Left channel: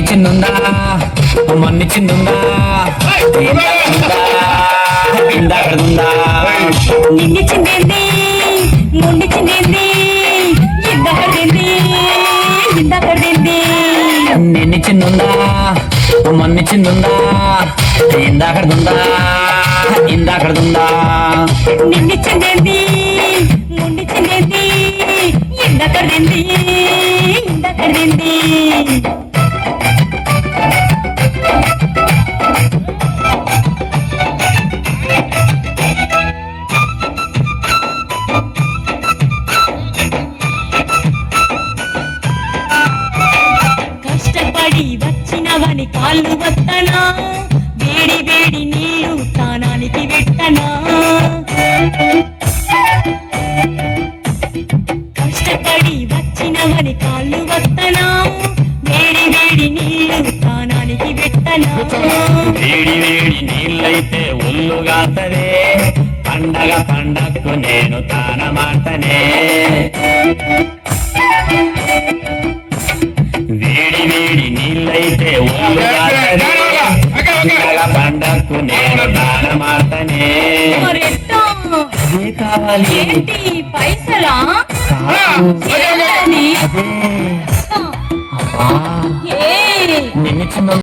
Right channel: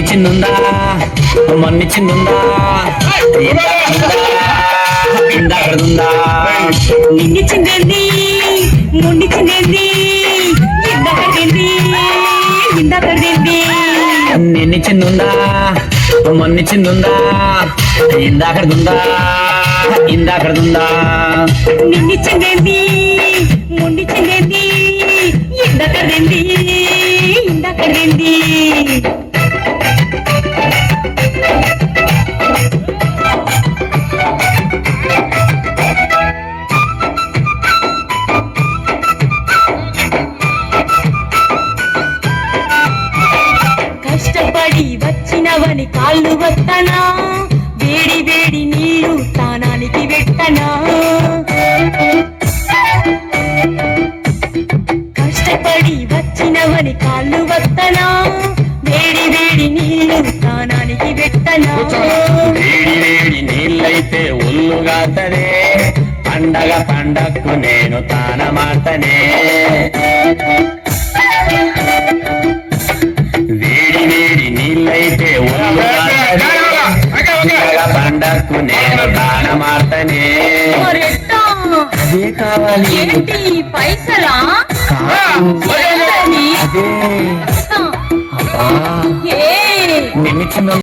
చిన్నుందా మొన్ని చిన్నుందా ఇందాకడుందా నిన్ను చిందేంది మొండి చిందేంది ఇందాకడింది ఇందాకడింది నిన్ను చిన్నుందా మొన్ని చిన్నుందా ఇందాకడుందా ఇందాకడుందా నిన్ను చిందేంది మొండి చిందేంది ఇందాకడింది ఇందాకడింది కష్టపడి వచ్చినవని కాళ్ళు వస్తనా వేడి వేడి నీళ్లు స్నానానికి పెట్టనా కష్టపడి వచ్చినవని కాళ్ళు వస్తనా వేడి వేడి నీళ్లు స్నానానికి పెట్టనా వేడి వేడి నీళ్ళైతే ఒళ్ళుగాతనే పండగ పండక్కు నేను తానమాటనే వేడి వేడి నీళ్ళైతే ఒళ్ళుగాతనే పండగ పండక్కు నేను తానమాటనే మరెట్టా? అదే కావాలి ఏంటి పైసలా కాదు ఏంటది? అదే అబ్బా ఏ నిన్ను చిన్న